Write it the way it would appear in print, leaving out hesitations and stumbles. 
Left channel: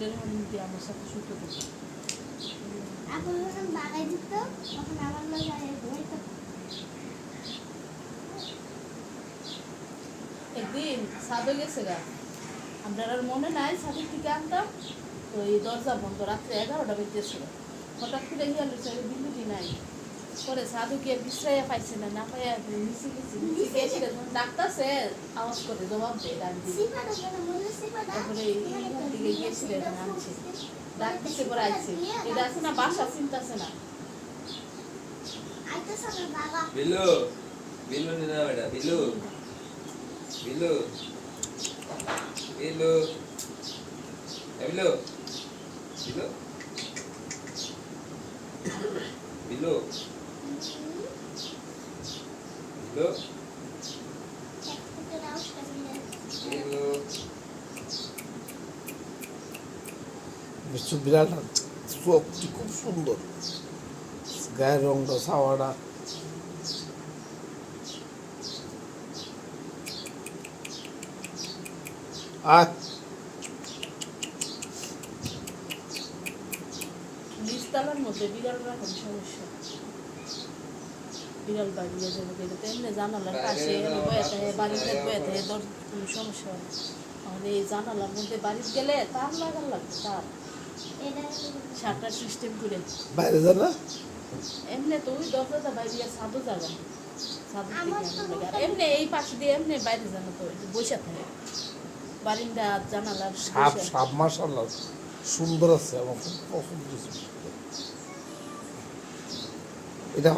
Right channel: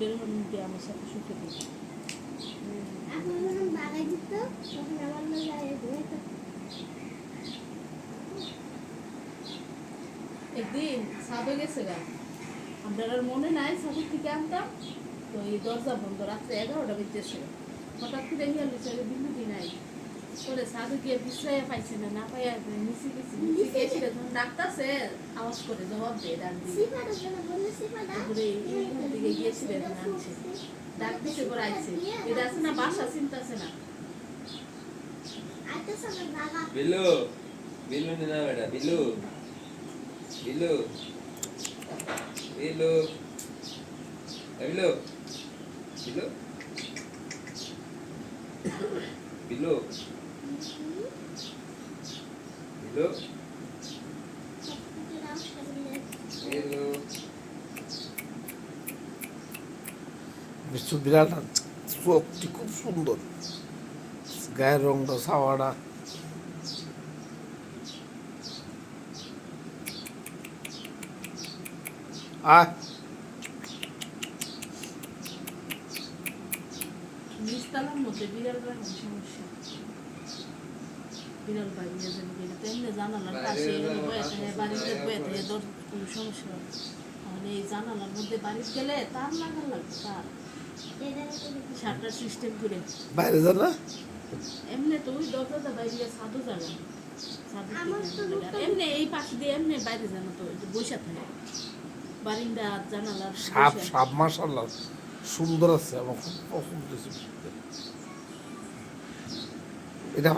ধরে কি আমার সাথে শুতে দিত। এখন যখন বাগাই দিত তখন আমার লগে আর হইতো। একদিন সাদে গেছে গা, আপনার আর মনে নাই সাদের থেকে আনতাম তো এই দরজা বন্ধ, রাত্রে 11টা বেজেছিল। হঠাৎ করে হিয়ালি চলে বিদ্যুৎই নাই। পরে সাধু গিয়ে বিশ্রাইয়া পাইছে না, না পাইয়া নিচে গেছি, নিচে গেছিল ডাক্তারছে আওয়াজ করে জবাব দেয় ডাক দিয়ে। সিফাটা যেটা বললে সিফাটা তারপরে এইখান থেকে গিয়েছিল এটা মানছে, ডাক দিতে পরে আইছে। এটা আছে না বাসা চিন্তাছে না। আইতো সকাল বাবা বিলু বিলু না বেটা বিলু বিলু বিলু বিলু বিলু বিলু বিলু একটা রাউস কাটিয়ে বিলু বিশ্ব বিরাট চোখটি খুব সুন্দর, গায়ের রংটা ছাওয়াটা আর নিচতলার মধ্যে বিড়াল রাখার সমস্যা, বিড়াল বাড়িয়ে যাবে গেলে তো এমনি জানালার পাশে এখানে বয়ে থাকে, বাড়িতে বয়ে থাকে, কোনো সমস্যা হবে না। তাহলে এই জানালার মধ্যে বাড়িতে গেলে তার লাগার লাগবে, তার এটা সারটার সিস্টেম করে বাইরে যা না এমনি তো ওই দরজাটা বাইরে সাদু জায়গা সাদু আমার তো এমনি এই পাশে দিয়ে এমনি বাইরে জানো তো বসে থাকে বারিন্দা জানালার সাপ বইসা। সাপ মাশাআল্লাহ সুন্দর আছে, আমার খুব পছন্দ হয়েছে এটা।